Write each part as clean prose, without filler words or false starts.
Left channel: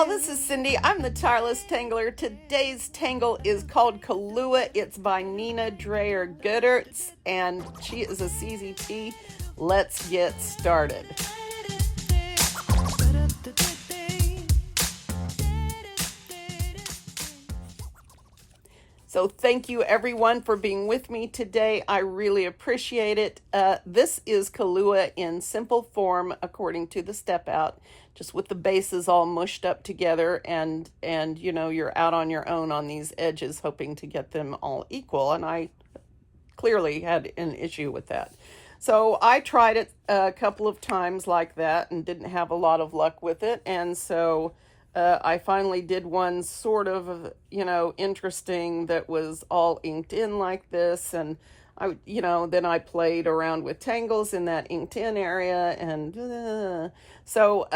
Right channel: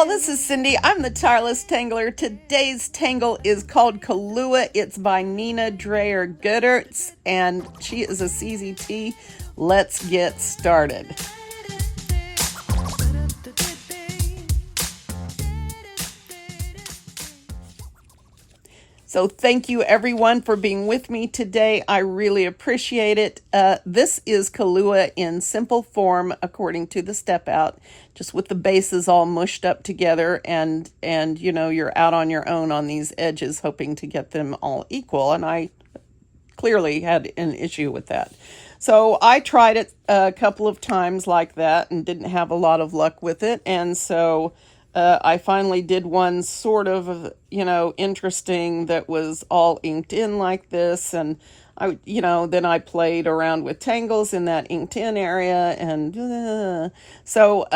y'all, this is Cyndee. I'm the Tireless Tangler. Today's tangle is called KALOOA. It's by Nina Dreher Göeddertz, and she is a CZT. Let's get started. So thank you everyone for being with me today. I really appreciate it. This is KALOOA in simple form according to the step out, just with the bases all mushed up together, and you know, you're out on your own on these edges hoping to get them all equal, and I clearly had an issue with that. So I tried it a couple of times like that and didn't have a lot of luck with it, and so I finally did one sort of, you know, interesting that was all inked in like this, and then I played around with tangles in that inked in area, and so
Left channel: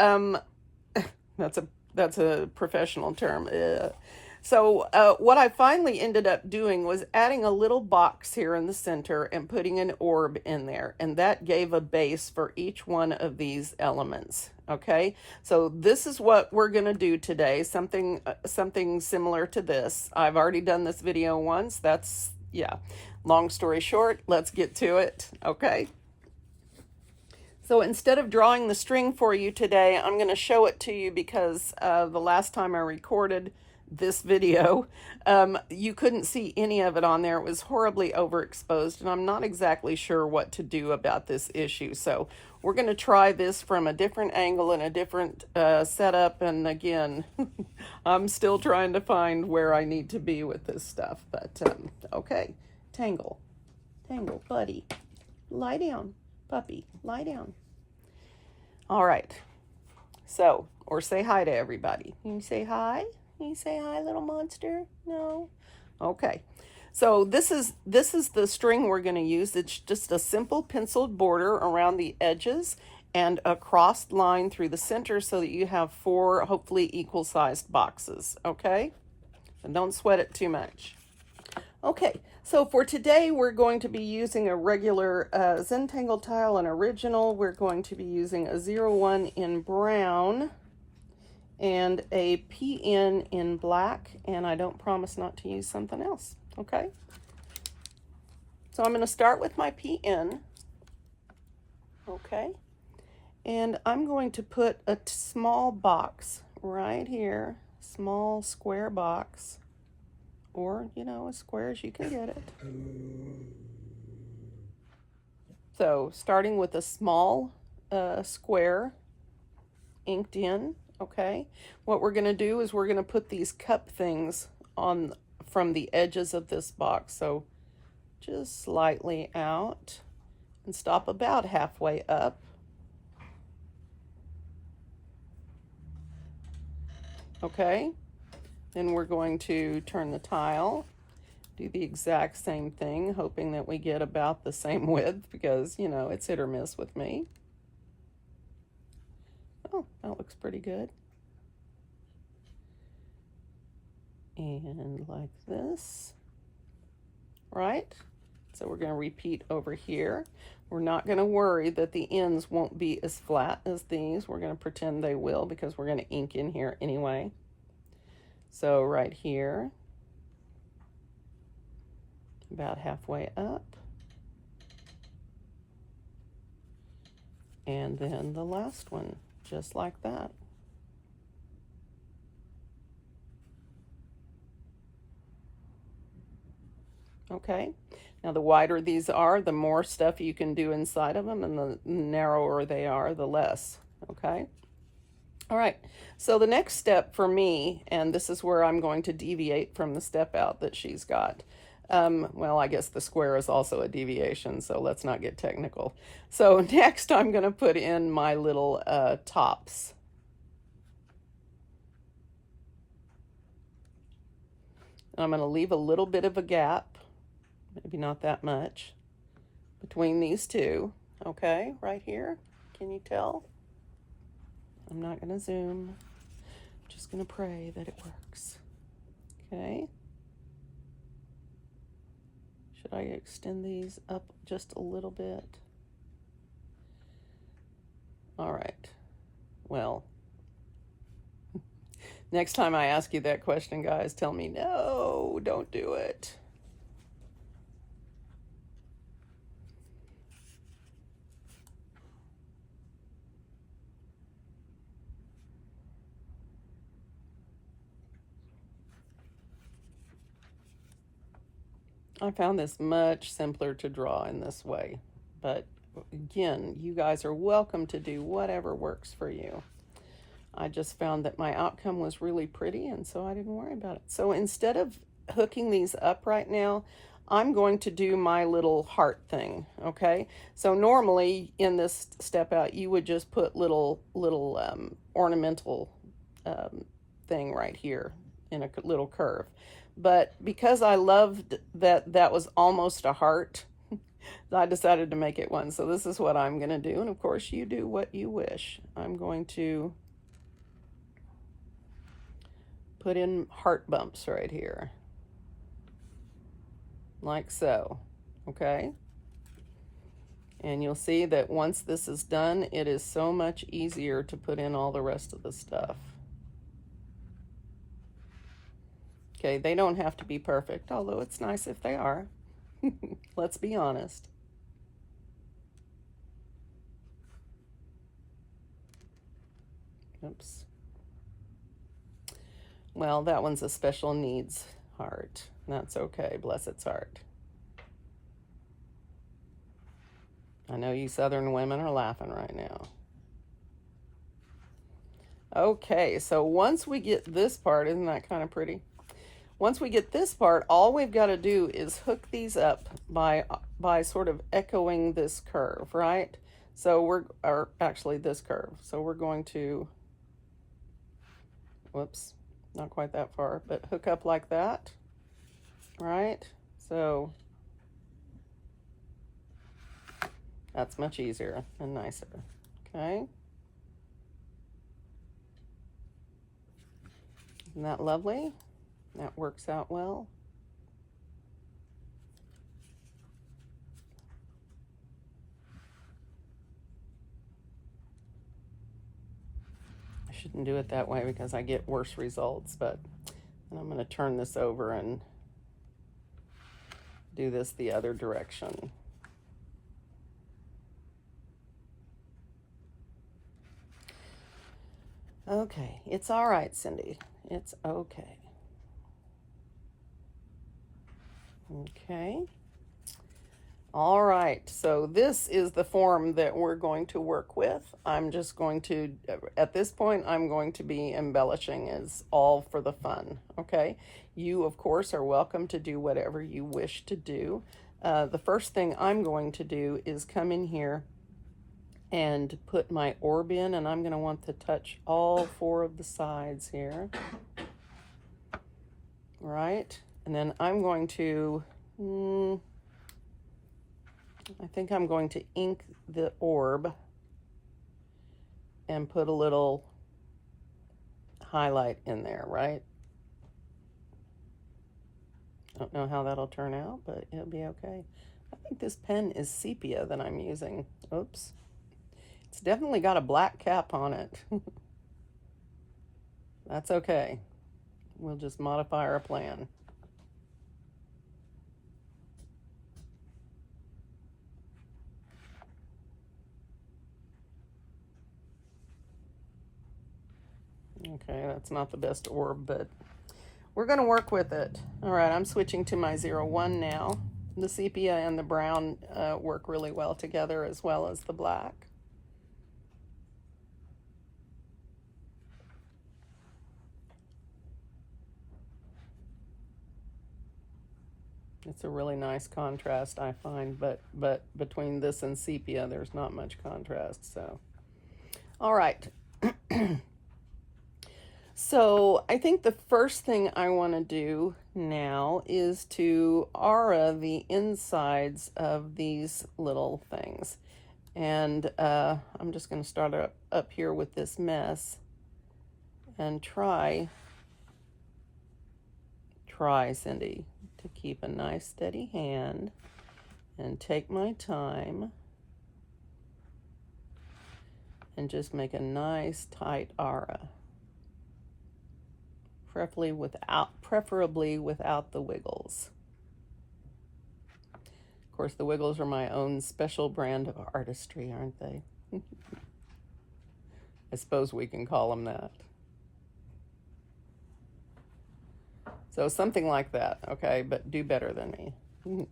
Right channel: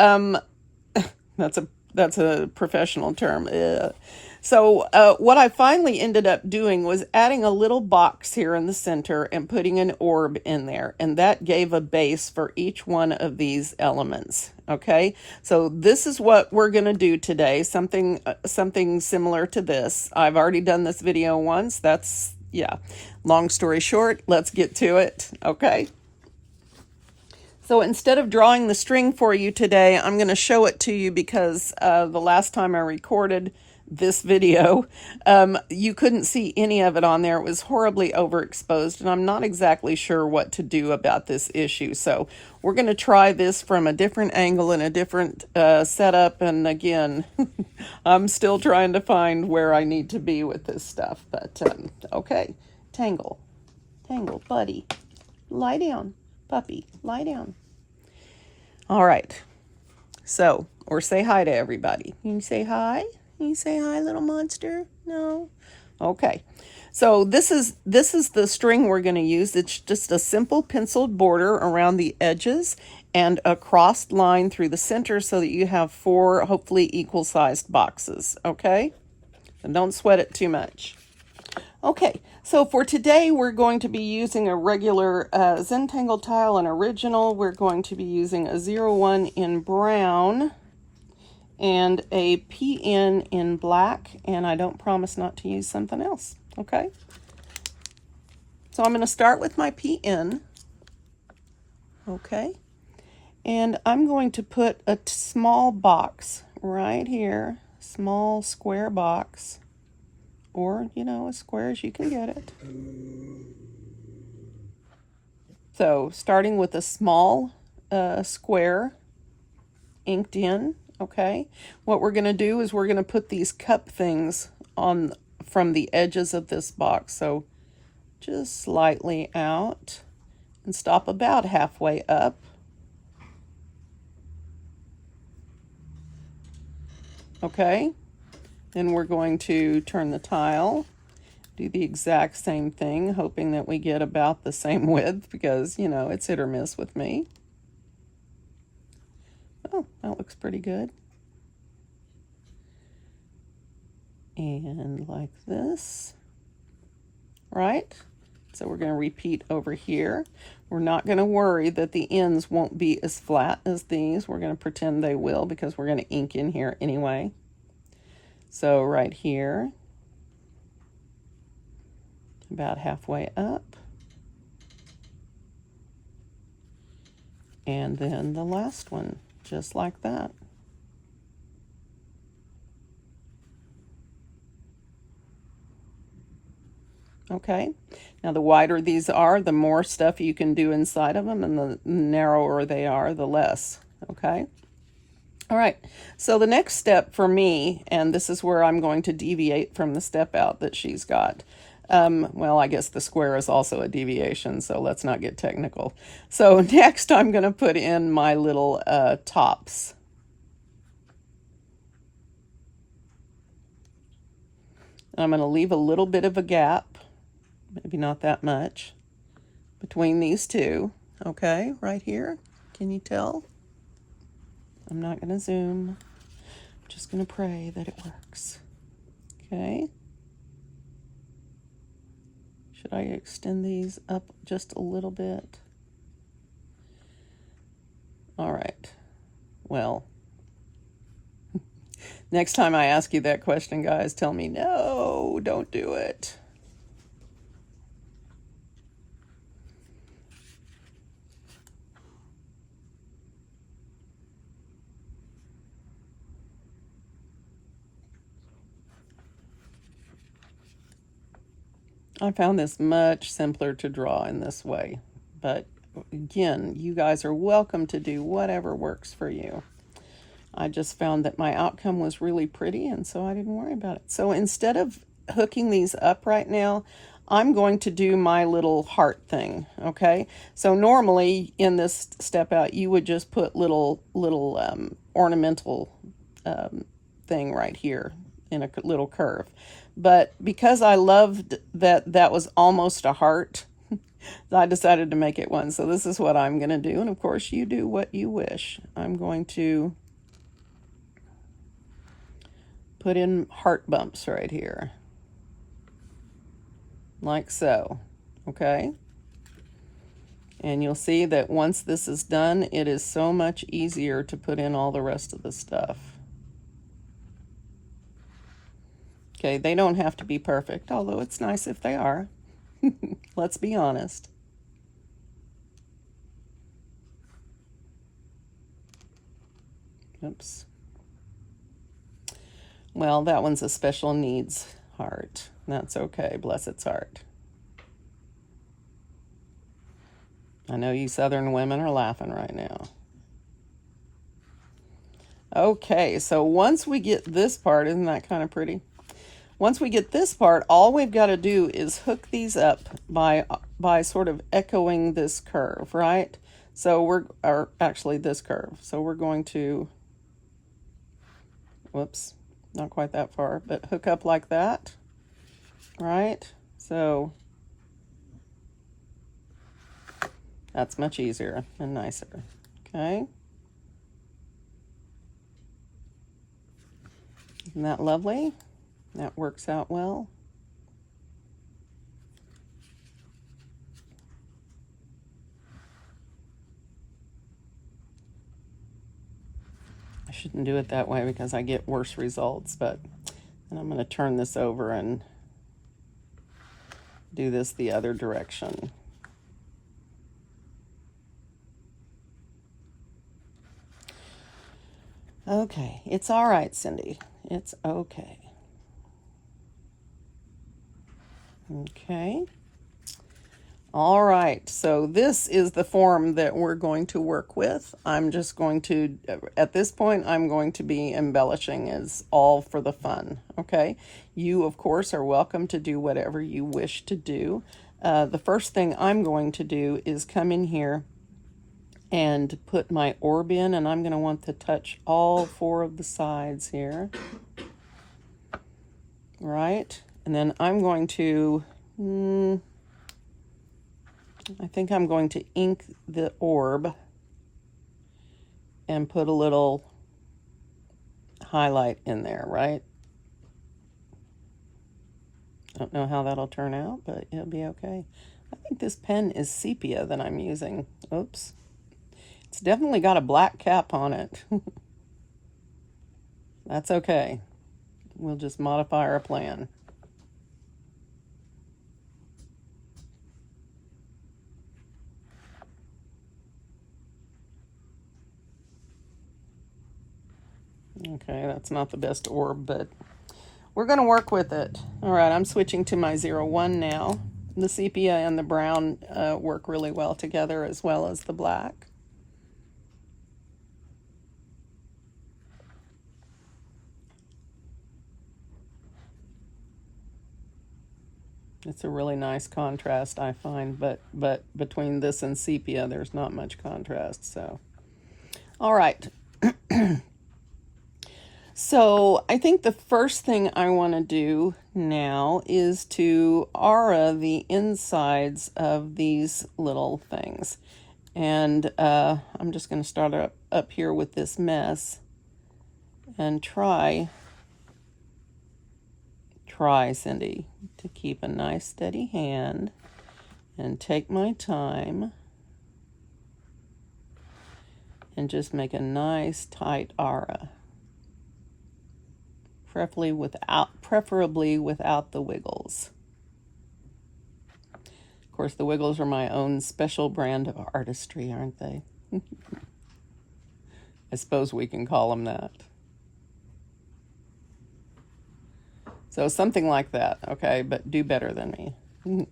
that's a professional term. So what I finally ended up doing was adding a little box here in the center and putting an orb in there, and that gave a base for each one of these elements. Okay, so this is what we're going to do today, something similar to this. I've already done this video once. That's, yeah, long story short, let's get to it. Okay, so instead of drawing the string for you today, I'm going to show it to you because the last time I recorded this video, you couldn't see any of it on there. It was horribly overexposed, and I'm not exactly sure what to do about this issue. So we're going to try this from a different angle and a different setup. And again, I'm still trying to find where I need to be with this stuff. But okay, tangle, buddy, lie down, puppy, lie down. All right. So, or say hi to everybody. You can say hi. Can you say hi, little monster? No? Okay. So this is the string we're going to use. It's just a simple penciled border around the edges and a crossed line through the center so that you have 4 hopefully equal-sized boxes, okay? And don't sweat it too much. Okay, so for today we're going to be using a regular Zentangle tile, an original. We're going to be using a 01 in brown and a PN in black, and I don't promise not to use something else, okay? So I'm going to start with my PN, okay? And I'm going to put a small box right here, small square box, or, you know, as square as you can get it. So starting with a small square inked in. Okay, what we're going to do is we're going to put these cup things on from the edges of this box. So just slightly out and stop about halfway up. Okay, then we're going to turn the tile, do the exact same thing, hoping that we get about the same width because, you know, it's hit or miss with me. Oh, that looks pretty good. And like this, right? So we're going to repeat over here. We're not going to worry that the ends won't be as flat as these. We're going to pretend they will because we're going to ink in here anyway. So right here, about halfway up. And then the last one. Just like that. Okay, now the wider these are, the more stuff you can do inside of them, and the narrower they are, the less. Okay, all right, so the next step for me, and this is where I'm going to deviate from the step out that she's got. Well, I guess the square is also a deviation, so let's not get technical. So next I'm going to put in my little tops. And I'm going to leave a little bit of a gap, maybe not that much, between these two. Okay, right here. Can you tell? I'm not going to zoom. I'm just going to pray that it works. Okay. Should I extend these up just a little bit? All right. Well, Next time I ask you that question, guys, tell me, no, don't do it. I found this much simpler to draw in this way, but again, you guys are welcome to do whatever works for you. I just found that my outcome was really pretty, and so I didn't worry about it. So instead of hooking these up right now, I'm going to do my little heart thing, okay? So normally in this step out, you would just put little ornamental thing right here in a little curve. But because I loved that was almost a heart, I decided to make it one. So this is what I'm going to do. And of course, you do what you wish. I'm going to put in heart bumps right here. Like so. Okay? And you'll see that once this is done, it is so much easier to put in all the rest of the stuff. Okay, they don't have to be perfect, although it's nice if they are. Let's be honest. Oops. Well, that one's a special needs heart. That's okay, bless its heart. I know you Southern women are laughing right now. Okay, so once we get this part, isn't that kind of pretty? Once we get this part, all we've got to do is hook these up by sort of echoing this curve, right? So actually this curve. So we're going to, whoops, not quite that far, but hook up like that, right? So that's much easier and nicer, okay? Isn't that lovely? That works out well. I shouldn't do it that way because I get worse results, but I'm going to turn this over and do this the other direction. Okay, it's all right, Cyndee. It's okay. Okay. All right, so this is the form that we're going to work with. I'm just going to, at this point, I'm going to be embellishing as all for the fun, okay? You, of course, are welcome to do whatever you wish to do. The first thing I'm going to do is come in here and put my orb in, and I'm going to want to touch all 4 of the sides here, right? And then I'm going to, I think I'm going to ink the orb and put a little highlight in there, right? Don't know how that'll turn out, but it'll be okay. I think this pen is sepia that I'm using. Oops. It's definitely got a black cap on it. That's okay. We'll just modify our plan. Okay, that's not the best orb, but we're going to work with it. All right, I'm switching to my 01 now. The sepia and the brown work really well together, as well as the black. It's a really nice contrast, I find, but between this and sepia, there's not much contrast, so. All right. So I think the first thing I want to do now is to aura the insides of these little things. And I'm just going to start up here with this mess and try, Cyndee, to keep a nice steady hand and take my time and just make a nice tight aura. preferably without the wiggles. Of course, the wiggles are my own special brand of artistry, aren't they? I suppose we can call them that. So something like that, okay? But do better than me.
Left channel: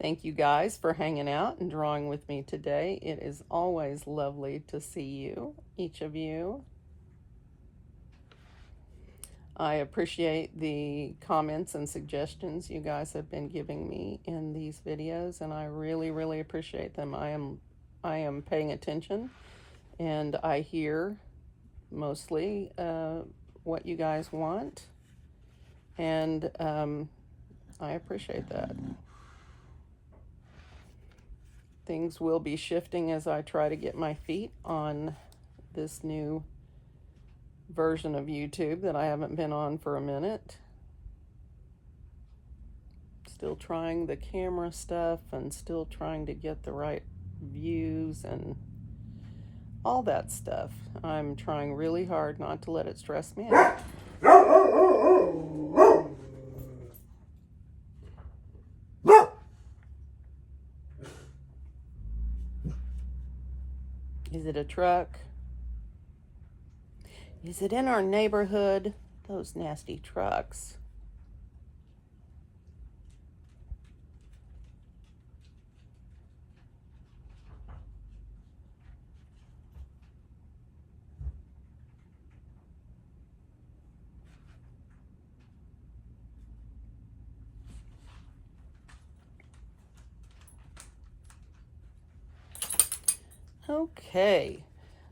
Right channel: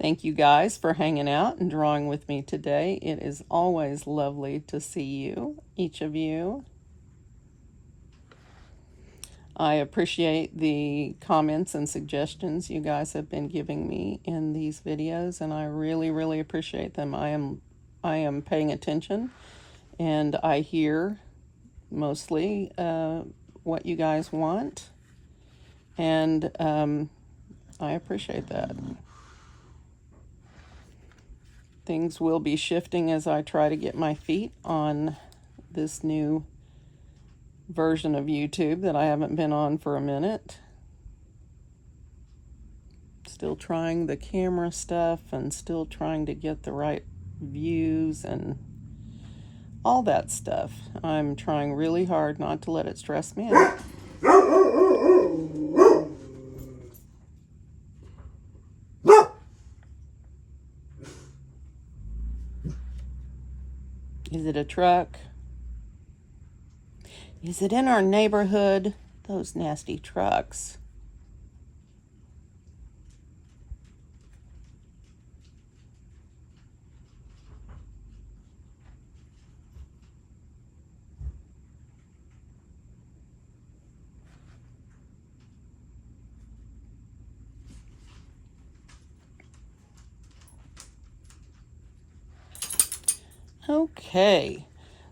Thank you guys for hanging out and drawing with me today. It is always lovely to see you, each of you. I appreciate the comments and suggestions you guys have been giving me in these videos, and I really, really appreciate them. I am paying attention, and I hear mostly what you guys want, and I appreciate that. Things will be shifting as I try to get my feet on this new version of YouTube that I haven't been on for a minute. Still trying the camera stuff and still trying to get the right views and all that stuff. I'm trying really hard not to let it stress me out. Is it a truck? Is it in our neighborhood? Those nasty trucks. Okay,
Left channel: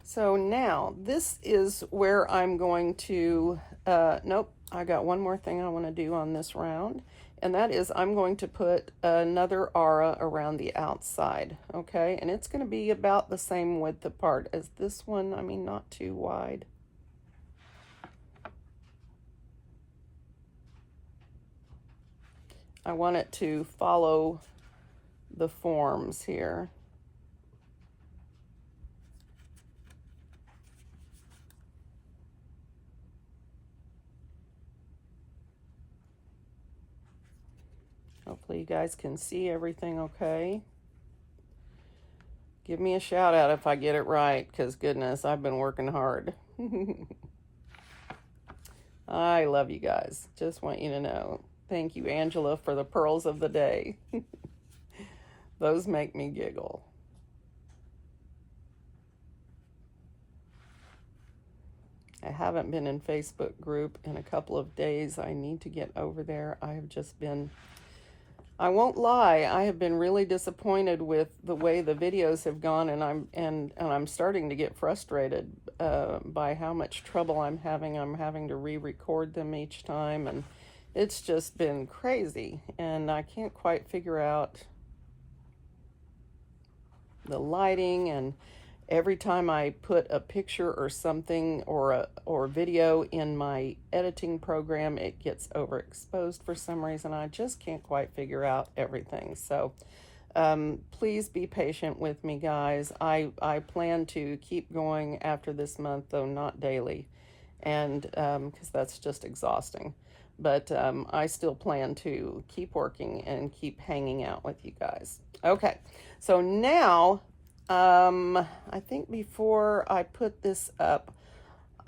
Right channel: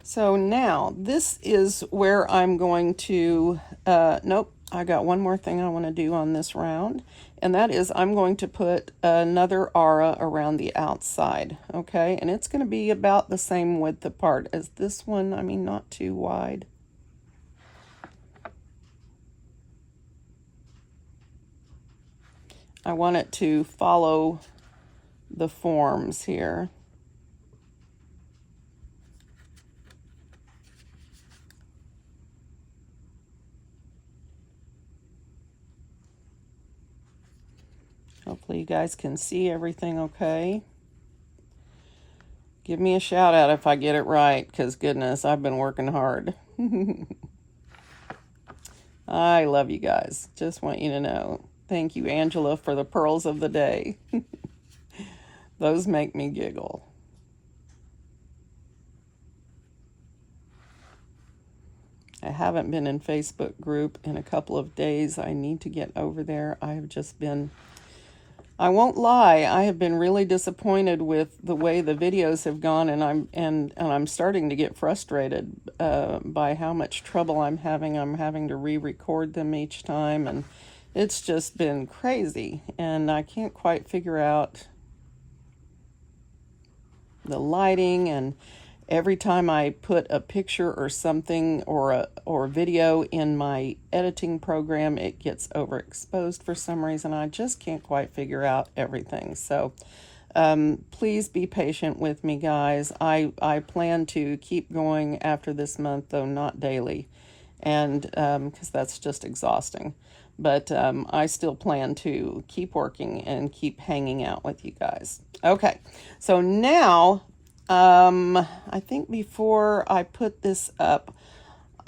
so now this is where I'm going to, nope, I got one more thing I want to do on this round, and that is I'm going to put another aura around the outside, okay? And it's going to be about the same width apart as this one, I mean, not too wide. I want it to follow the forms here. Hopefully you guys can see everything okay. Give me a shout out if I get it right, because goodness, I've been working hard. I love you guys. Just want you to know. Thank you, Angela, for the pearls of the day. Those make me giggle. I haven't been in Facebook group in a couple of days. I need to get over there. I've just been... I won't lie, I have been really disappointed with the way the videos have gone, and I'm starting to get frustrated by how much trouble I'm having. I'm having to re-record them each time, and it's just been crazy, and I can't quite figure out the lighting, and every time I put a picture or something or video in my editing program, it gets overexposed for some reason. I just can't quite figure out everything. So please be patient with me, guys. I plan to keep going after this month, though not daily, and because that's just exhausting. But I still plan to keep working and keep hanging out with you guys. Okay, so now I think before I put this up,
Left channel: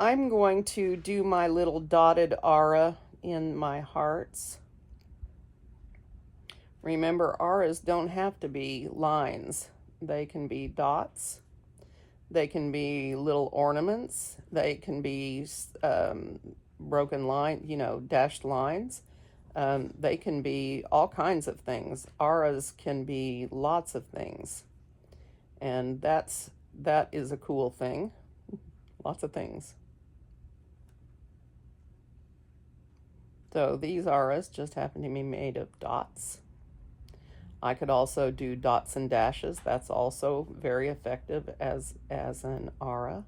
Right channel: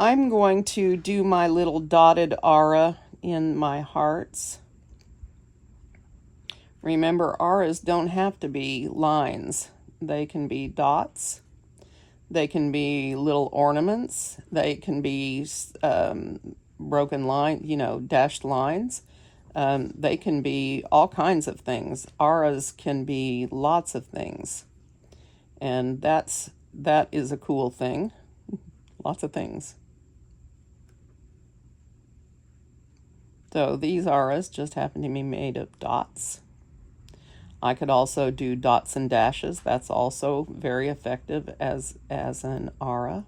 I'm going to do my little dotted aura in my hearts. Remember, auras don't have to be lines. They can be dots. They can be little ornaments. They can be broken line, you know, dashed lines. They can be all kinds of things. Auras can be lots of things. And that is a cool thing. Lots of things. So these auras just happen to be made of dots. I could also do dots and dashes. That's also very effective as an aura.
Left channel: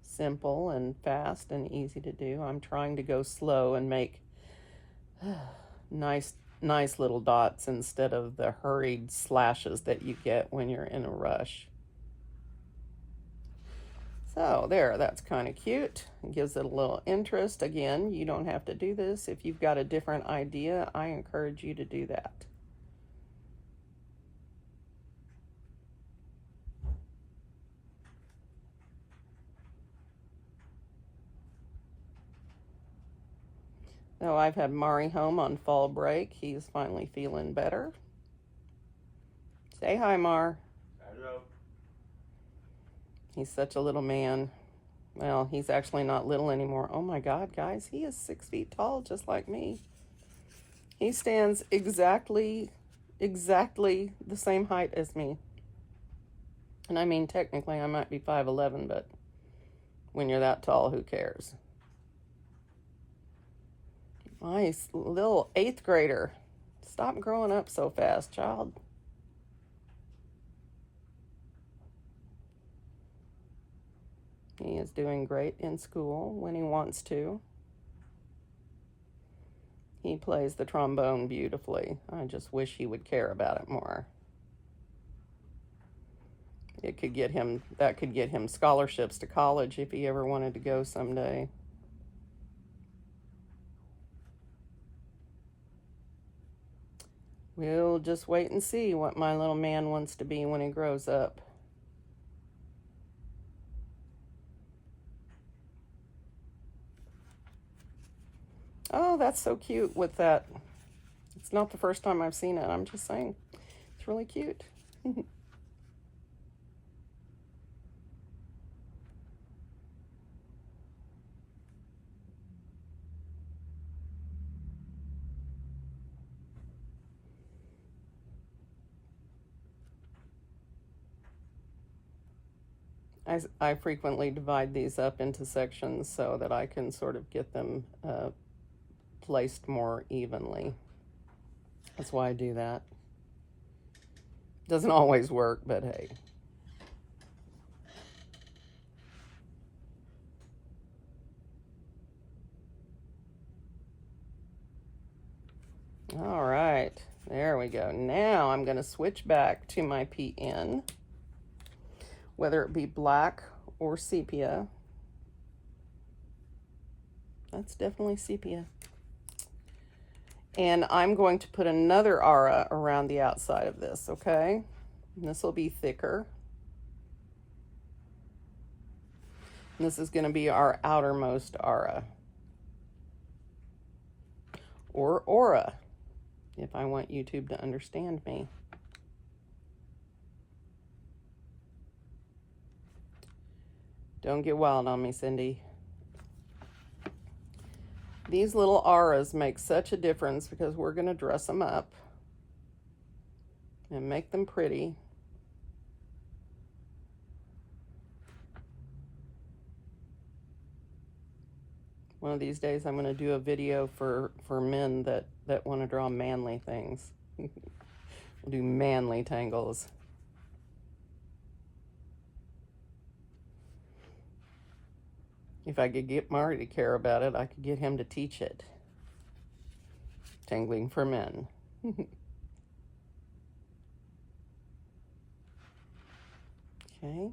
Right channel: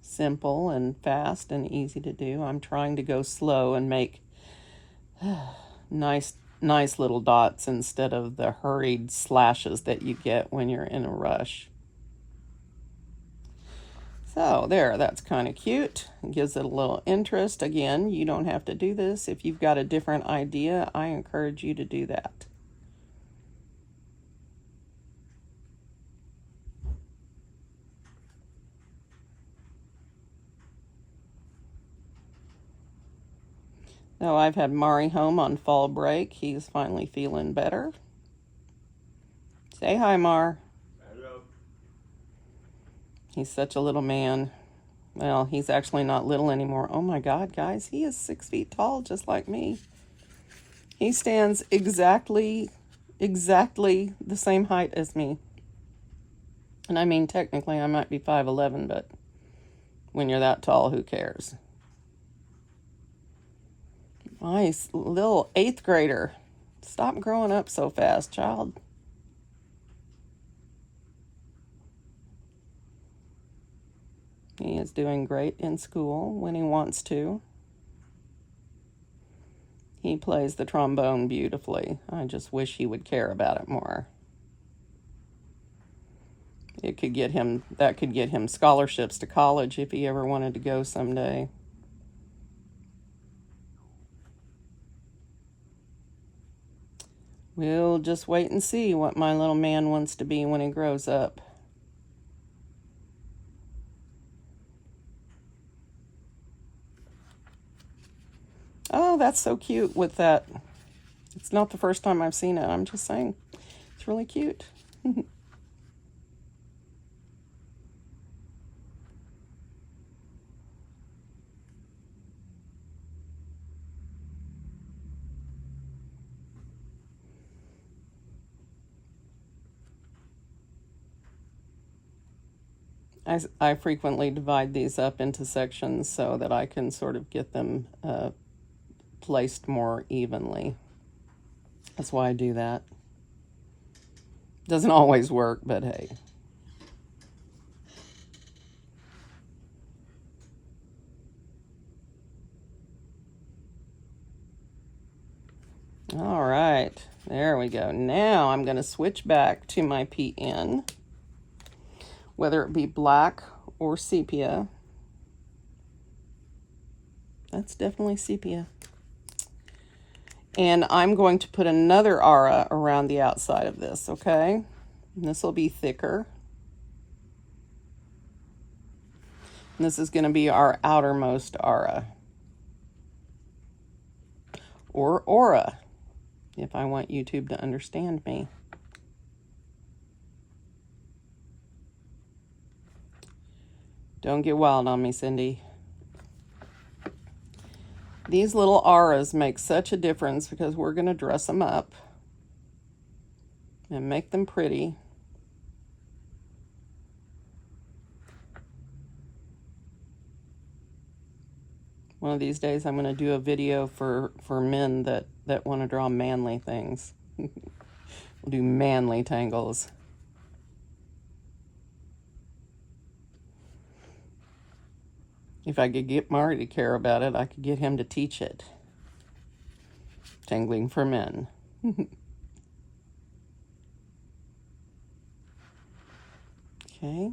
Simple and fast and easy to do. I'm trying to go slow and make nice nice little dots instead of the hurried slashes that you get when you're in a rush. So there, that's kind of cute. It gives it a little interest. Again, you don't have to do this. If you've got a different idea, I encourage you to do that. Now, I've had Mari home on fall break. He's finally feeling better. Say hi, Mar. Hello. He's such a little man. Well, he's actually not little anymore. Oh my God, guys, he is 6 feet tall, just like me. He stands exactly the same height as me. And I mean, technically, I might be 5'11", but when you're that tall, who cares? Nice little 8th grader. Stop growing up so fast, child. He is doing great in school when he wants to. He plays the trombone beautifully. I just wish he would care about it more. That could get him scholarships to college if he ever wanted to go someday. We'll just wait and see what my little man wants to be when he grows up. Oh, that's so cute with that. It's not the first time I've seen it. I'm just saying. It's really cute. I frequently divide these up into sections so that I can sort of get them placed more evenly. That's why I do that. Doesn't always work, but hey. All right, there we go. Now I'm going to switch back to my PN, whether it be black or sepia. That's definitely sepia. And I'm going to put another aura around the outside of this, okay? And this will be thicker. And this is going to be our outermost aura. Or aura, if I want YouTube to understand me. Don't get wild on me, Cyndee. These little auras make such a difference because we're going to dress them up and make them pretty. One of these days I'm going to do a video for men that want to draw manly things. We'll do manly tangles. If I could get Mari to care about it, I could get him to teach it. Tangling for men. Okay,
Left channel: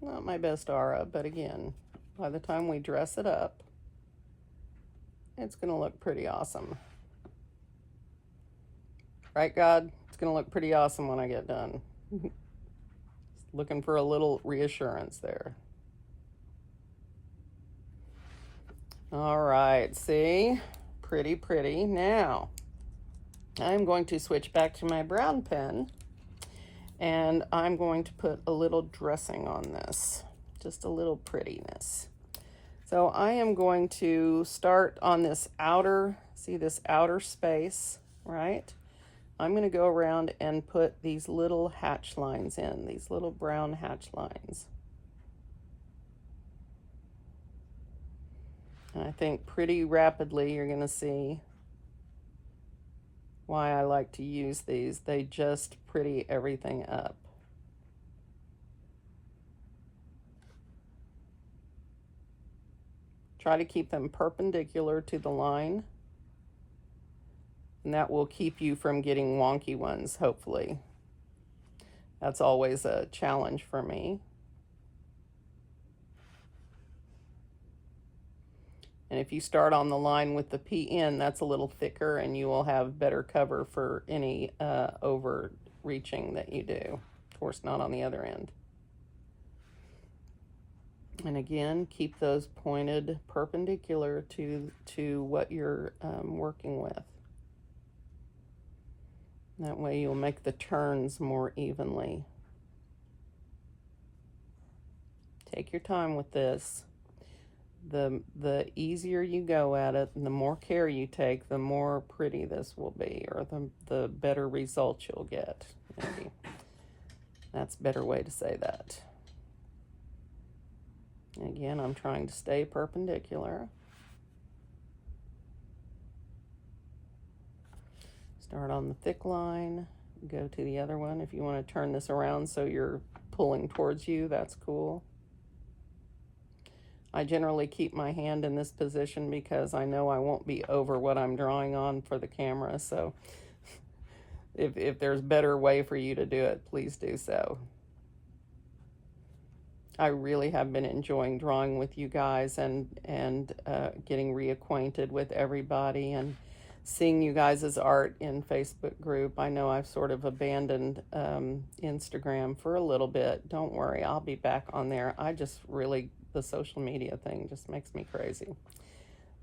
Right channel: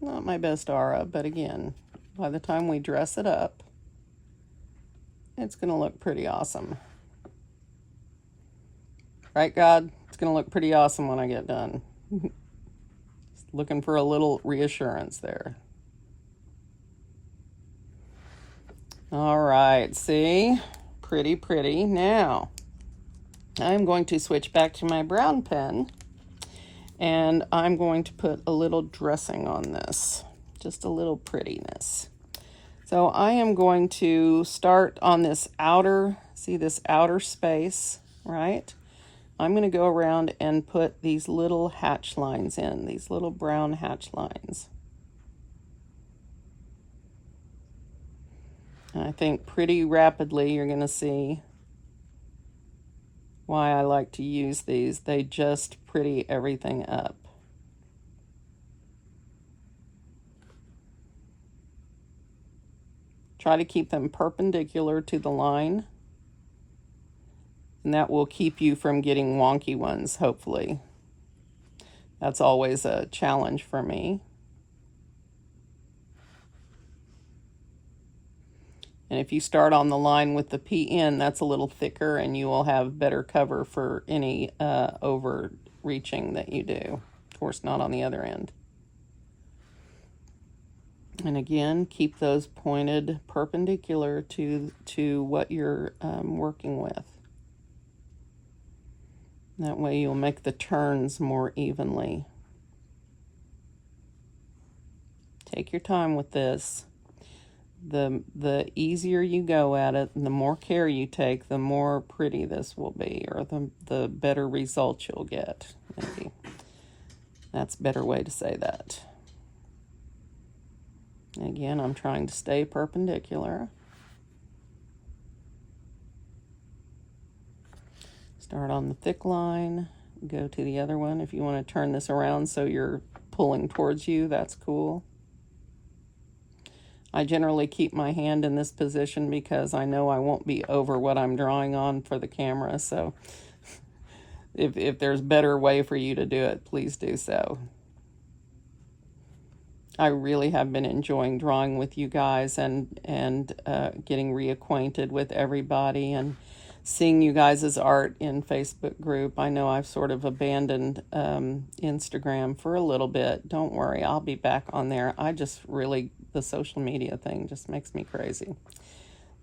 not my best aura, but again, by the time we dress it up, it's going to look pretty awesome. Right, God? It's going to look pretty awesome when I get done. Looking for a little reassurance there. All right, see? Pretty, pretty. Now, I'm going to switch back to my brown pen, and I'm going to put a little dressing on this, just a little prettiness. So I am going to start on this outer, see this outer space, right? I'm going to go around and put these little hatch lines in, these little brown hatch lines. And I think pretty rapidly you're going to see why I like to use these. They just pretty everything up. Try to keep them perpendicular to the line And that will keep you from getting wonky ones, hopefully. That's always a challenge for me. And if you start on the line with the PN, that's a little thicker, and you will have better cover for any overreaching that you do. Of course, not on the other end. And again, keep those pointed perpendicular to what you're working with. That way you'll make the turns more evenly. Take your time with this. The easier you go at it, and the more care you take, the more pretty this will be, or the better results you'll get. Maybe that's a better way to say that. Again, I'm trying to stay perpendicular. Start on the thick line, go to the other one. If you want to turn this around so you're pulling towards you, that's cool. I generally keep my hand in this position because I know I won't be over what I'm drawing on for the camera, so if there's a better way for you to do it, please do so. I really have been enjoying drawing with you guys and getting reacquainted with everybody and seeing you guys' art in Facebook group. I know I've sort of abandoned Instagram for a little bit. Don't worry, I'll be back on there. I just really, the social media thing just makes me crazy.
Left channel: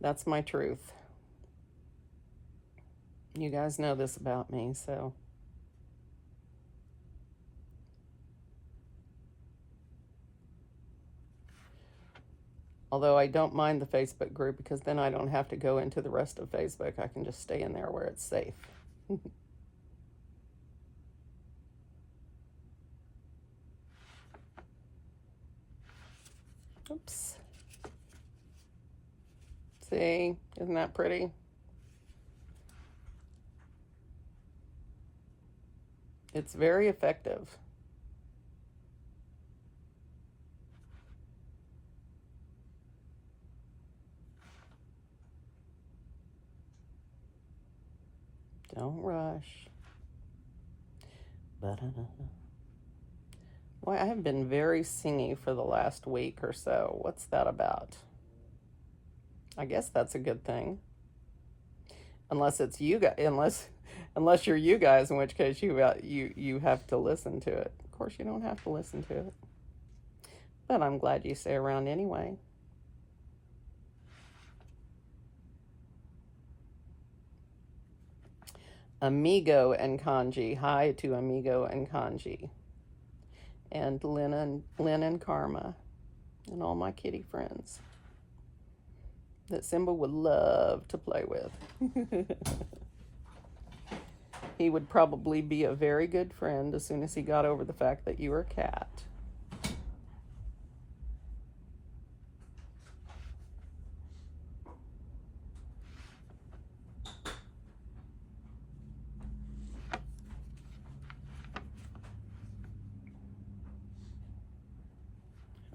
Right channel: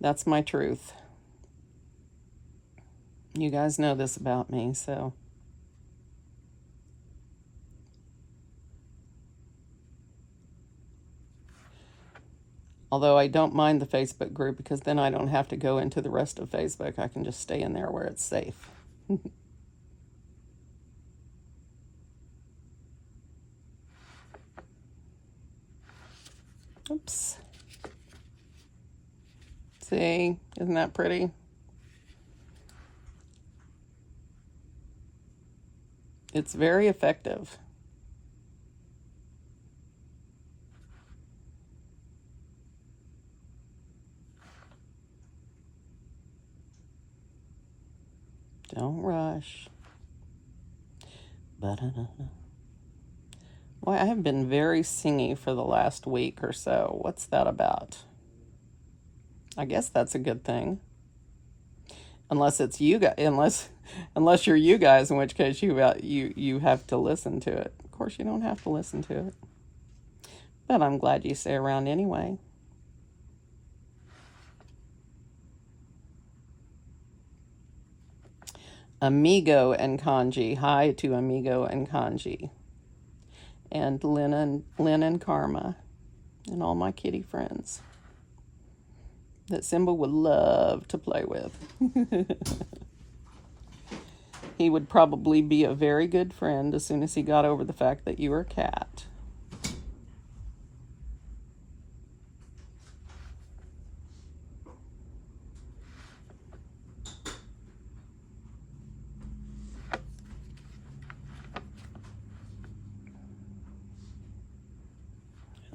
That's my truth. You guys know this about me, so. Although I don't mind the Facebook group because then I don't have to go into the rest of Facebook. I can just stay in there where it's safe. Oops. See, isn't that pretty? It's very effective. Don't rush. Boy, I have been very singy for the last week or so. What's that about? I guess that's a good thing. Unless it's you guys, unless you're you guys, in which case you have to listen to it. Of course, you don't have to listen to it. But I'm glad you stay around anyway. Amigo and Kanji. Hi to Amigo and Kanji. And Lynn and Karma. And all my kitty friends that Simba would love to play with. He would probably be a very good friend as soon as he got over the fact that you were a cat.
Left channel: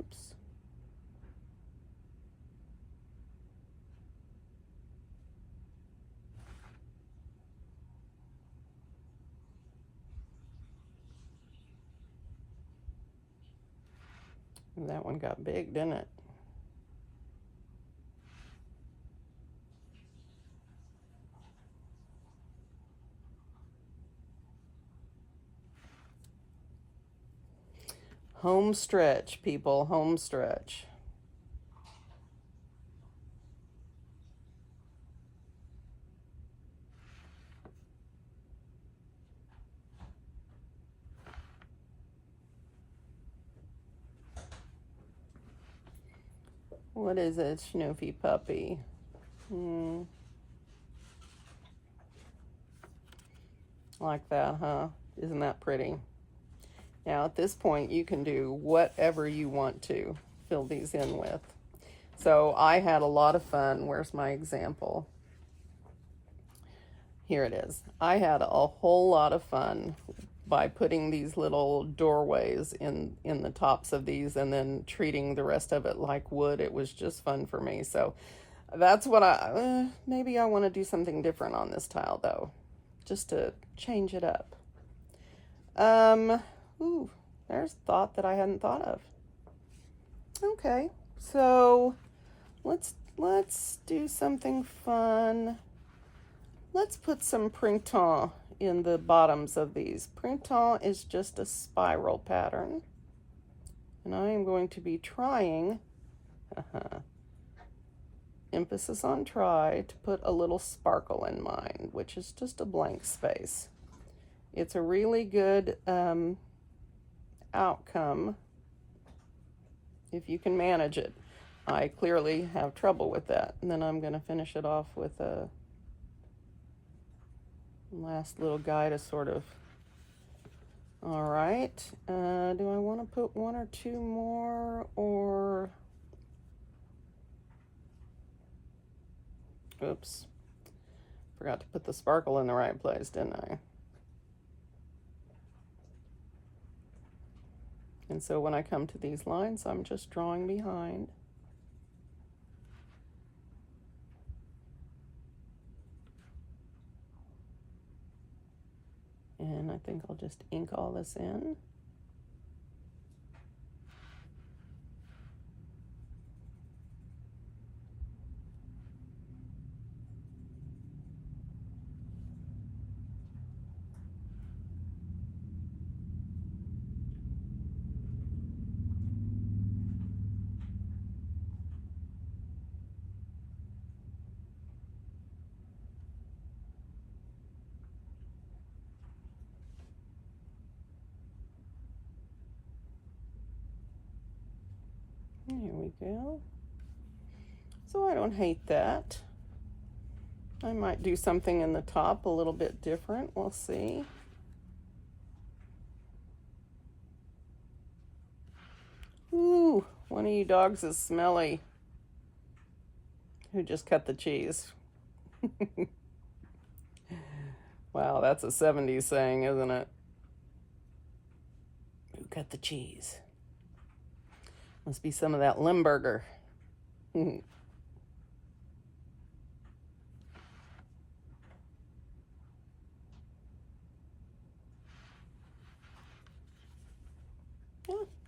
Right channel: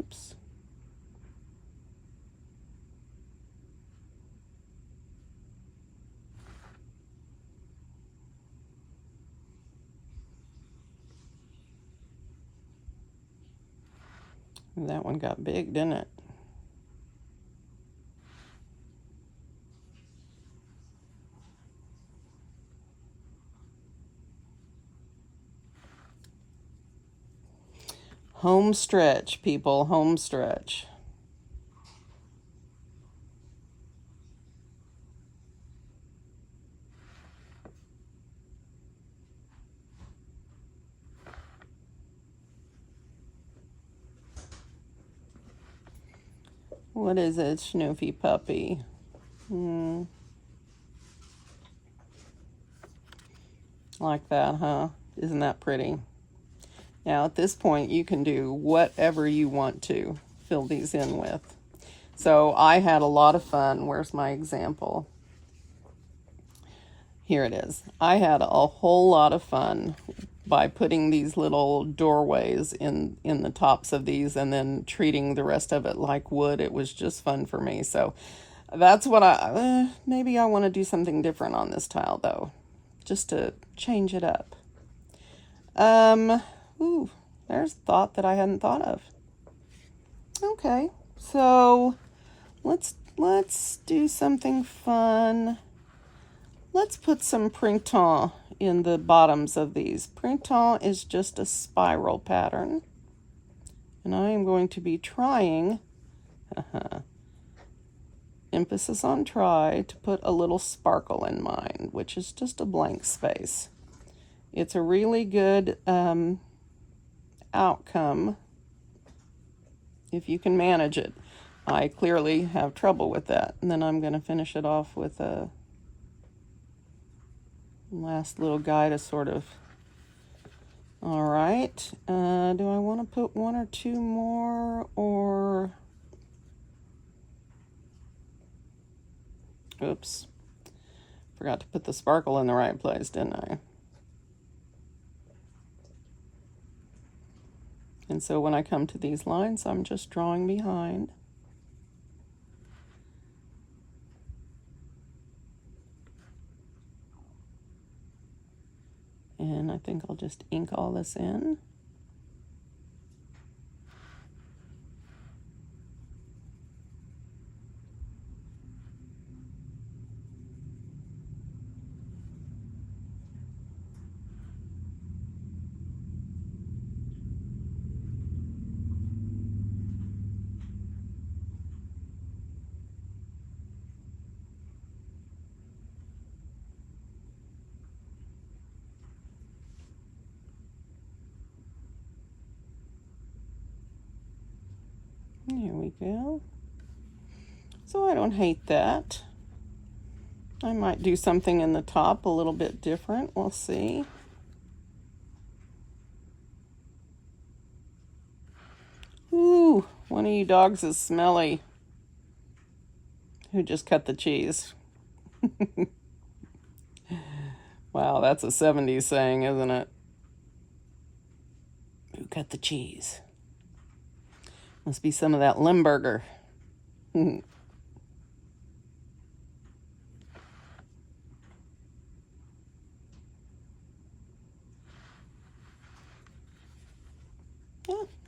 Oops. That one got big, didn't it? Home stretch, people, home stretch. What is it, Schnoofy puppy? Like that, huh? Isn't that pretty? Now at this point you can do whatever you want to fill these in with. So I had a lot of fun. Where's my example? Here it is. I had a whole lot of fun by putting these little doorways in the tops of these and then treating the rest of it like wood. It was just fun for me. So That's what maybe I want to do something different on this tile though, just to change it up. Ooh, there's a thought that I hadn't thought of. Okay, so let's do something fun. Let's put some printemps in the bottoms of these. Printemps is just a spiral pattern, and I am going to be trying, emphasis on try, to put a little sparkle in mine, which is just a blank space. It's a really good outcome if you can manage it. I clearly have trouble with that. And then I'm going to finish it off with a last little guy to sort of, all right. Do I want to put one or two more, or, oops, forgot to put the sparkle in the right place, didn't I? And so when I come to these lines, I'm just drawing behind. And I think I'll just ink all this in. There we go. So I don't hate that. I might do something in the top a little bit different. We'll see. Ooh, one of you dogs is smelly. Who just cut the cheese? Wow, that's a 70s saying, isn't it? Who cut the cheese? Must be some of that Limburger. Yeah,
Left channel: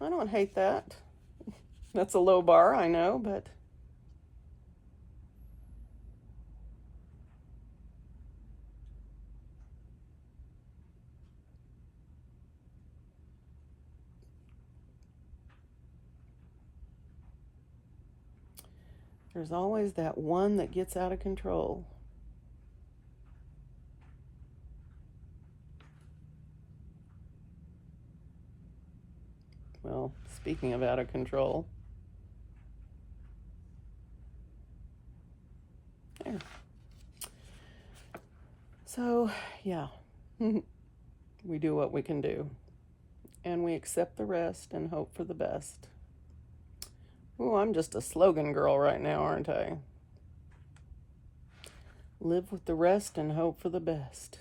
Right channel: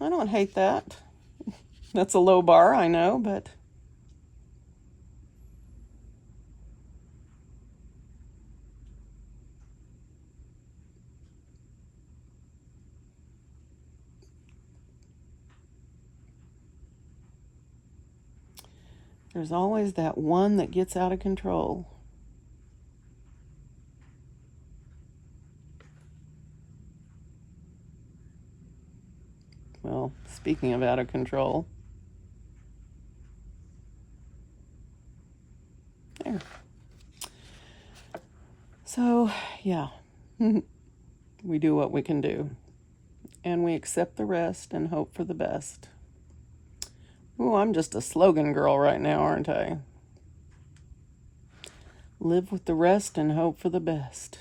I don't hate that. That's a low bar, I know, but there's always that one that gets out of control. Well, speaking of out of control, there. So, yeah, we do what we can do, and we accept the rest and hope for the best. Ooh, I'm just a slogan girl right now, aren't I? Live with the rest and hope for the best.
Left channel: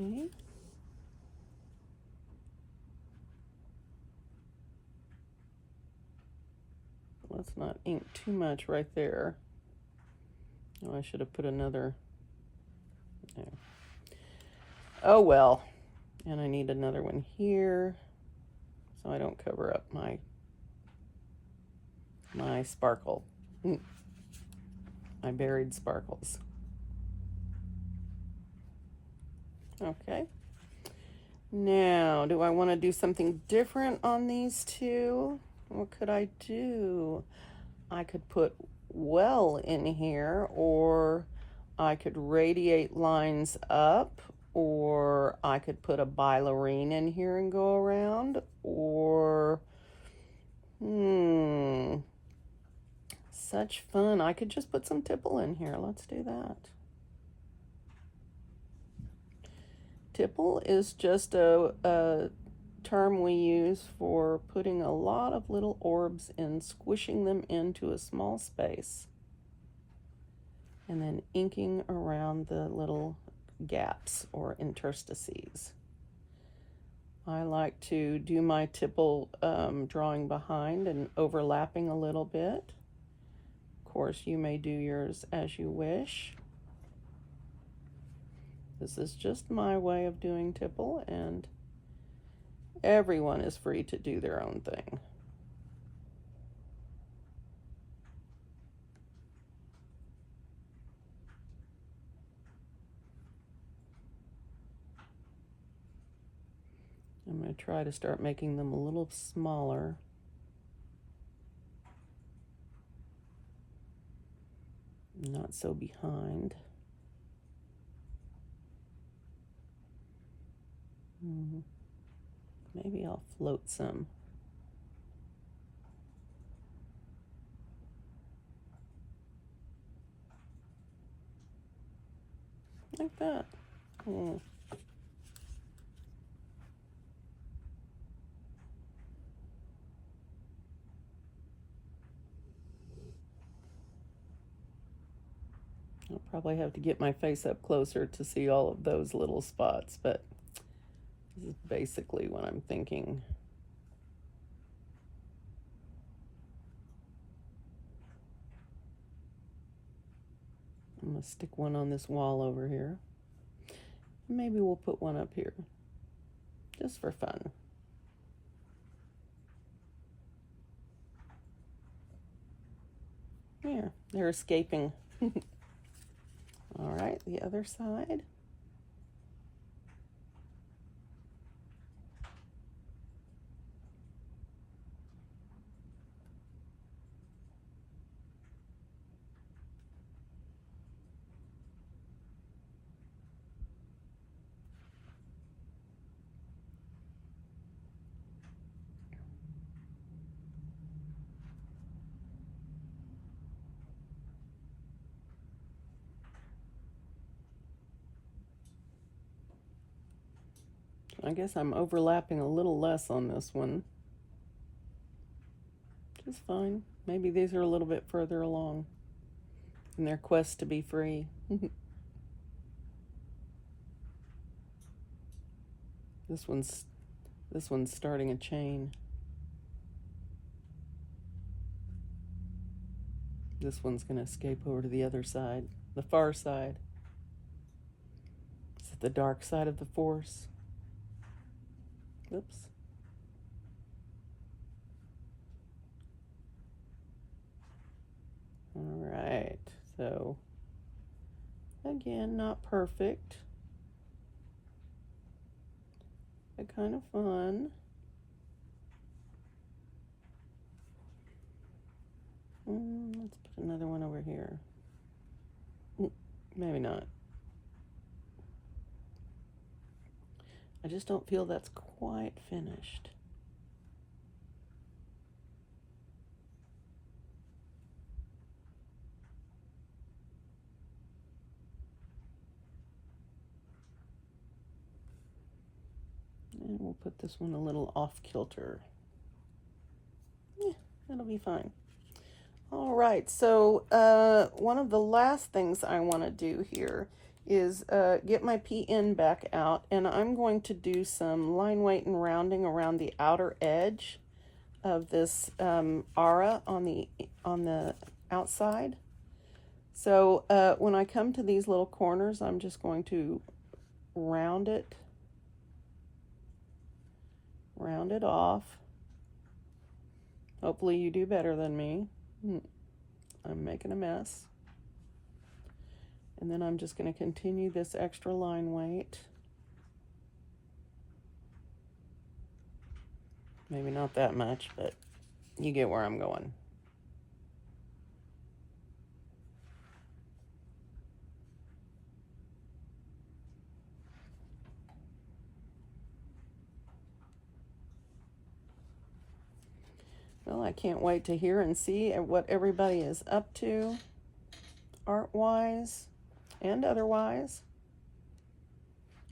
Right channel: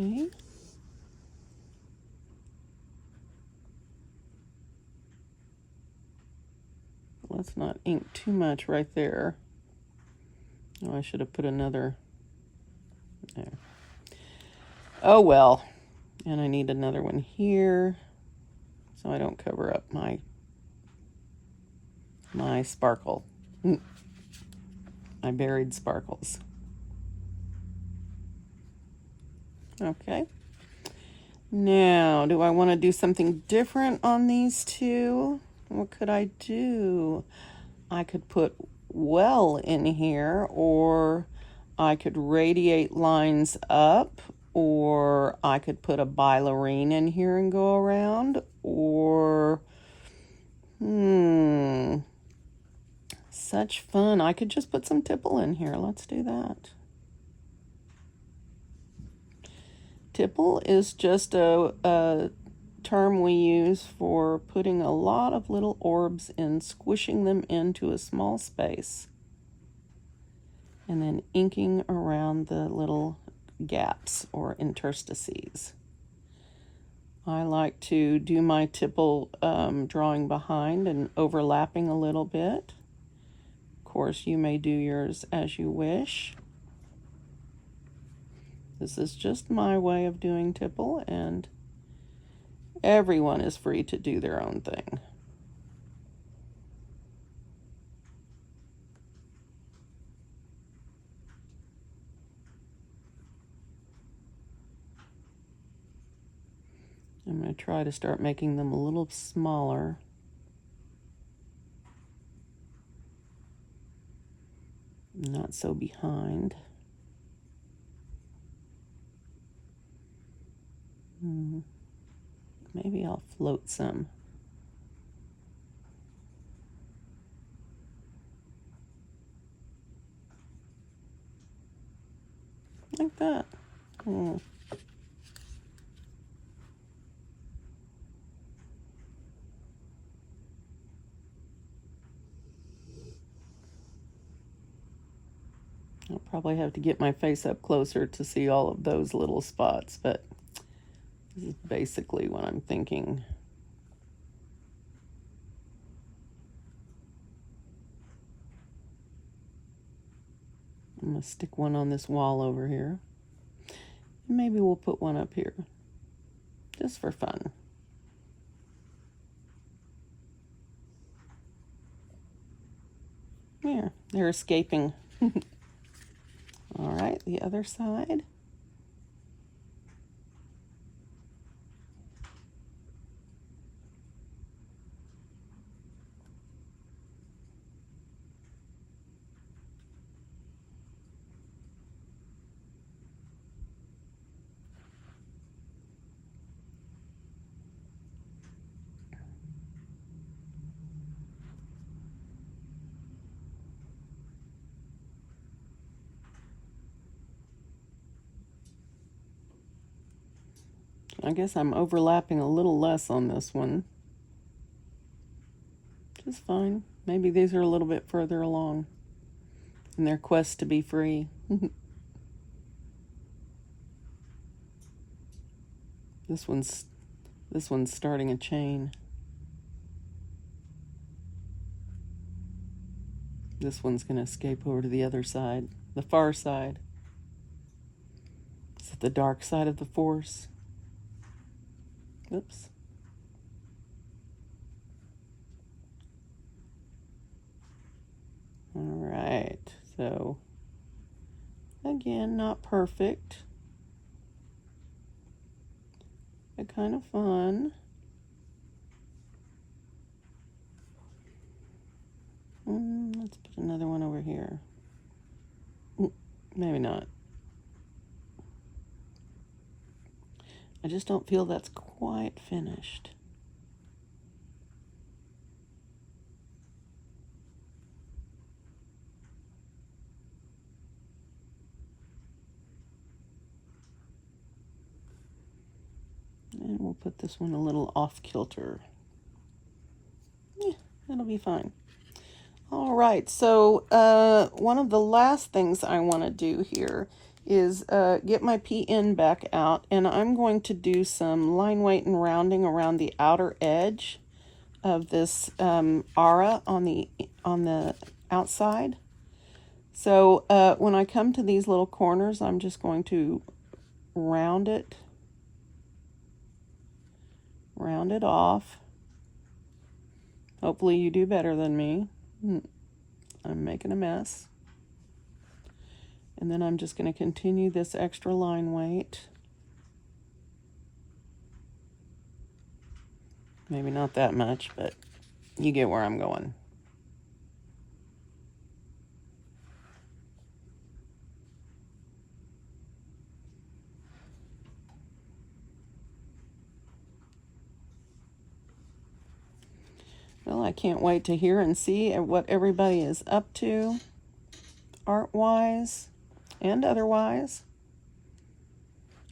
Okay. Let's not ink too much right there. Oh, I should have put another there. Oh well. And I need another one here so I don't cover up my sparkle. My buried sparkles. Okay. Now, do I want to do something different on these two? What could I do? I could put well in here, or I could radiate lines up, or I could put a bailarine in here and go around, or such fun. I could just put some tipple in here. Let's do that. Tipple is just a term we use for putting a lot of little orbs and squishing them into a small space, and then inking around the little gaps or interstices. I like to do my tipple drawing behind and overlapping a little bit. Of course, you may do yours as you wish. This is just my way of doing tipple, and everyone is free to do their own thing. I'm going to try to start making them a little smaller. Not so behind. Maybe I'll float some. Like that. I'll probably have to get my face up closer to see all of those little spots, but this is basically what I'm thinking. I'm going to stick one on this wall over here. Maybe we'll put one up here, just for fun. Here, they're escaping. All right, the other side. I guess I'm overlapping a little less on this one. Just fine. Maybe these are a little bit further along in their quest to be free. This one's starting a chain. This one's going to escape over to the other side, the far side. Is it the dark side of the force? Oops. All right, so again, not perfect, but kind of fun. Let's put another one over here. Maybe not. I just don't feel that's quite finished. And we'll put this one a little off kilter. Yeah, that'll be fine. All right, so one of the last things I want to do here is get my PN back out, and I'm going to do some line weight and rounding around the outer edge of this aura on the outside. So when I come to these little corners, I'm just going to round it off. Hopefully you do better than me. I'm making a mess. And then I'm just going to continue this extra line weight. Maybe not that much, but you get where I'm going. Well, I can't wait to hear and see what everybody is up to, art-wise and otherwise.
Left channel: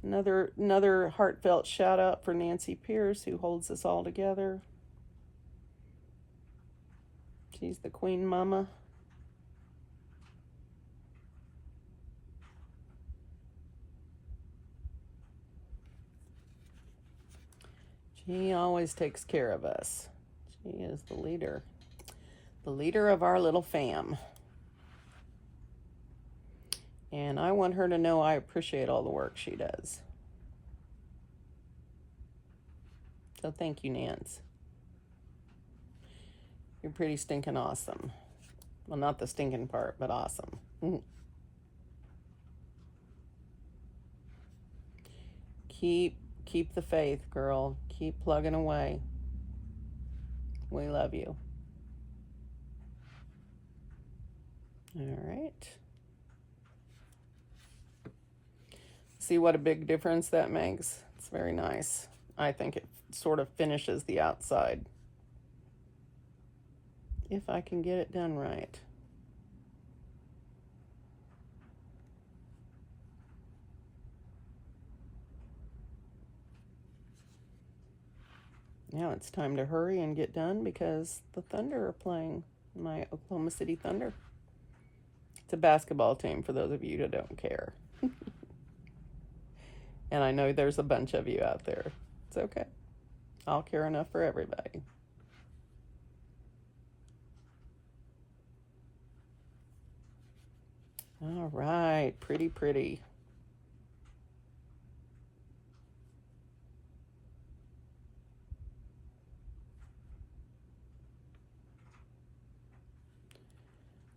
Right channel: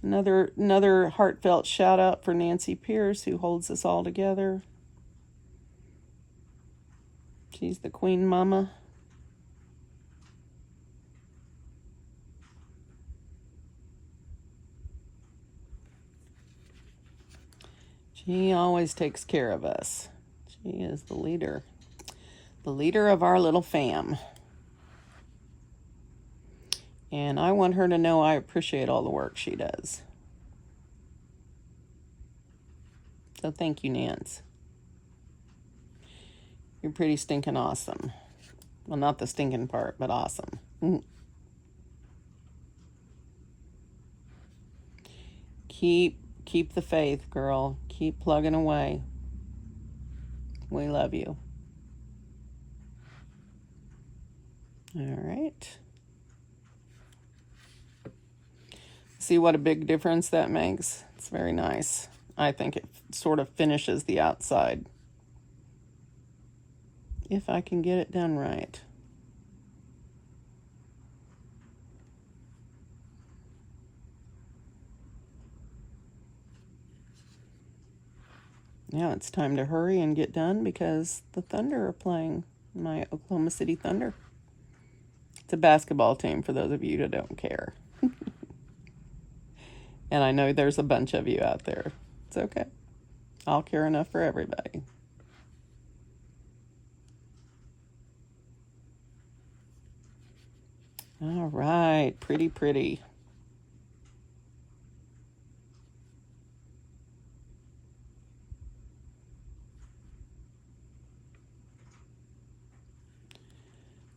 Another heartfelt shout out for Nancy Pierce, who holds us all together. She's the queen mama. She always takes care of us. She is the leader of our little fam. And I want her to know I appreciate all the work she does. So thank you, Nance. You're pretty stinking awesome. Well, not the stinking part, but awesome. Keep the faith, girl. Keep plugging away. We love you. All right. See what a big difference that makes? It's very nice. I think it sort of finishes the outside. If I can get it done right. Now it's time to hurry and get done because the Thunder are playing, my Oklahoma City Thunder. It's a basketball team for those of you that don't care. And I know there's a bunch of you out there. It's okay. I'll care enough for everybody. All right, pretty, pretty.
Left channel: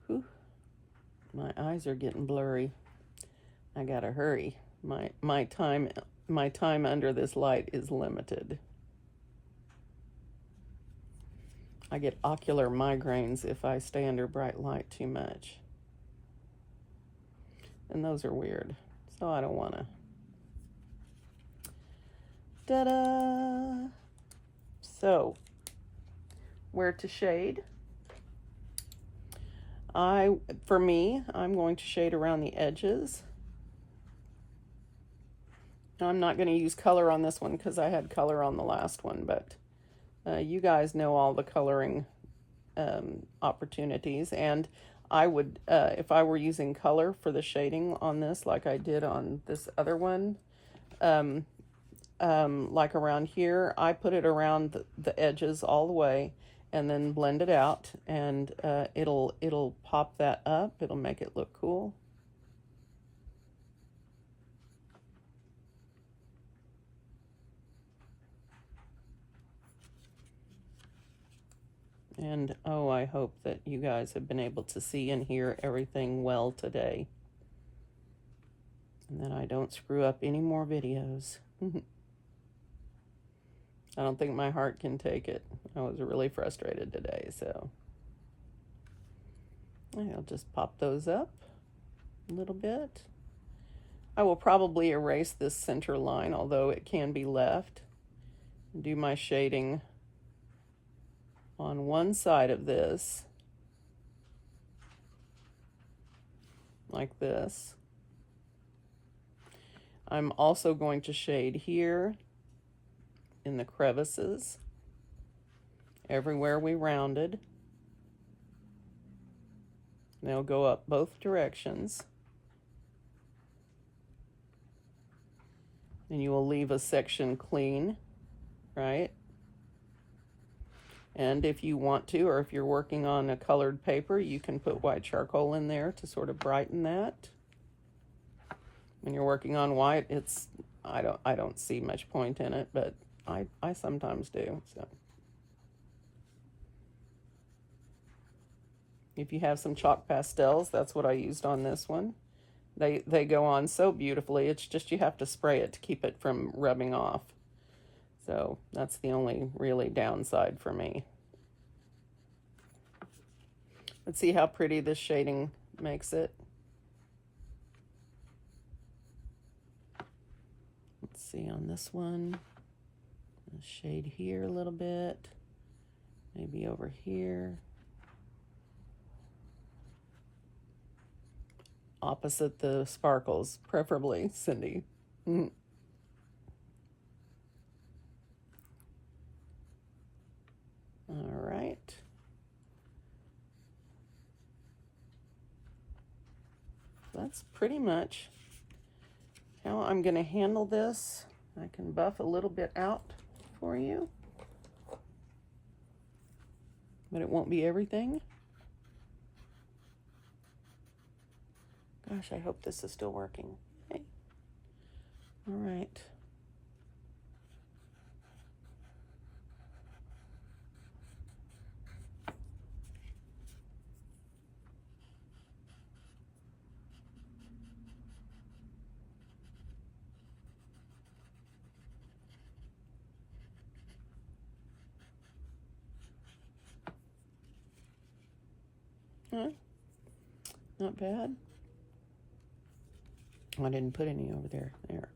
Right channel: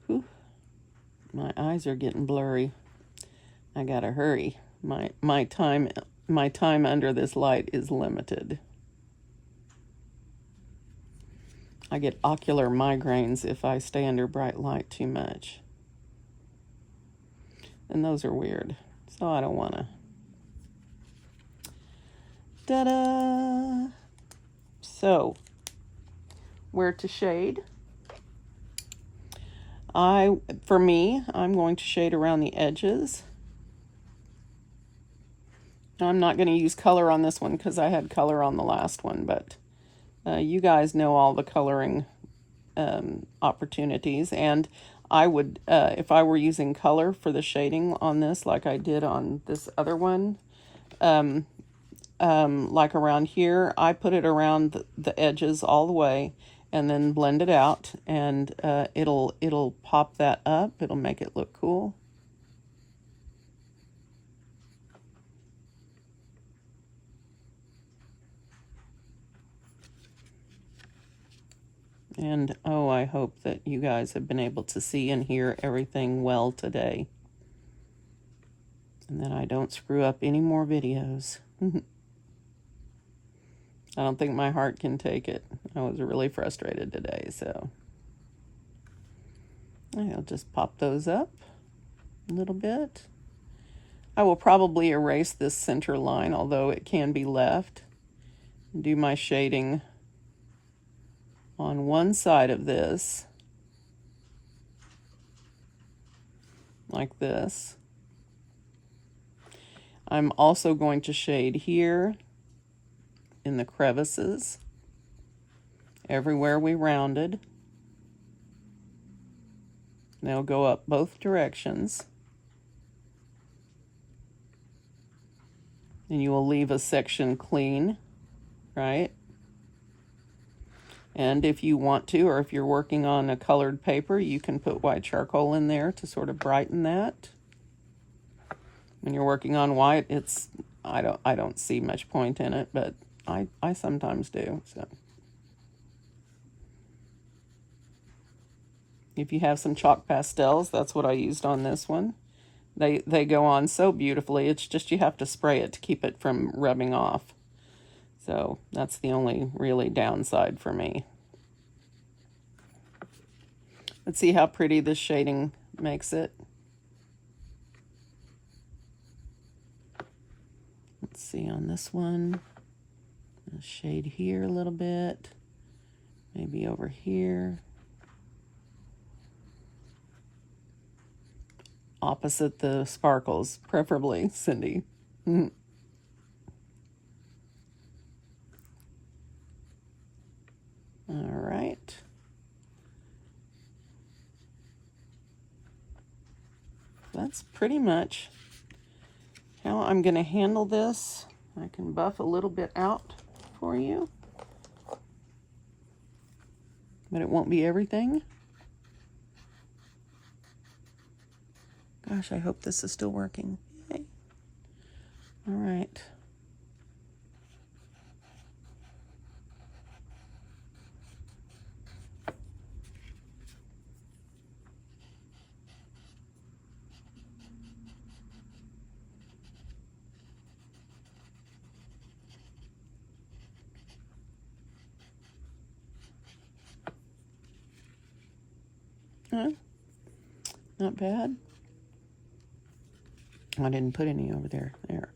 Whew. My eyes are getting blurry. I gotta hurry. My time under this light is limited. I get ocular migraines if I stay under bright light too much. And those are weird. So I don't wanna. Ta-da! So, where to shade? For me, I'm going to shade around the edges. I'm not going to use color on this one because I had color on the last one, but you guys know all the coloring opportunities, and I would, if I were using color for the shading on this like I did on this other one, like around here, I put it around the edges all the way and then blend it out, and it'll pop that up. It'll make it look cool. And oh, I hope that you guys have been able to see and hear everything well today, and that I don't screw up any more videos. I don't think my heart can take it. I was really frustrated today, so I'll just pop those up a little bit. I will probably erase this center line, although it can be left. Do my shading on one side of this, like this. I'm also going to shade here in the crevices, everywhere we rounded. They'll go up both directions. And you will leave a section clean, right? And if you want to, or if you're working on a colored paper, you can put white charcoal in there to sort of brighten that. When you're working on white, I don't see much point in it, but I sometimes do. So if you have some chalk pastels, that's what I used on this one. They go on so beautifully. It's just you have to spray it to keep it from rubbing off. So that's the only really downside for me. Let's see how pretty this shading makes it. Let's see on this one. I'll shade here a little bit. Maybe over here. Opposite the sparkles, preferably, Cyndee. All right. That's pretty much how I'm going to handle this. I can buff a little bit out for you, but it won't be everything. Gosh, I hope this is still working. Okay. All right. Not bad. I didn't put any over there. There.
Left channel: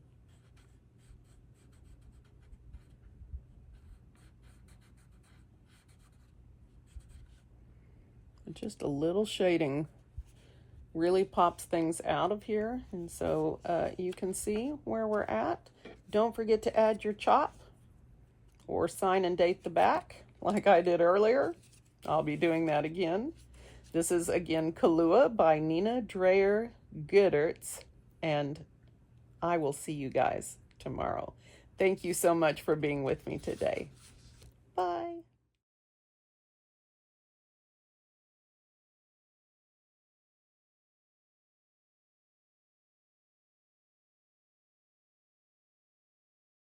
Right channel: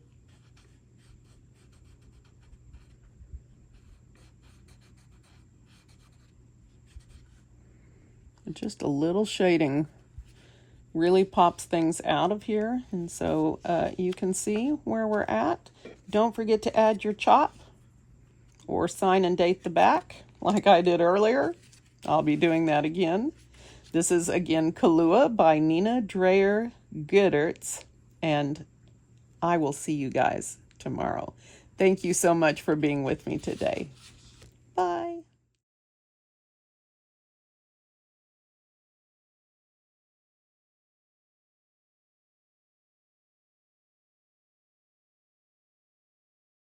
Just a little shading really pops things out of here, and so you can see where we're at. Don't forget to add your chop or sign and date the back like I did earlier. I'll be doing that again. This is again KALOOA by Nina Dreher Göeddertz, and I will see you guys tomorrow. Thank you so much for being with me today.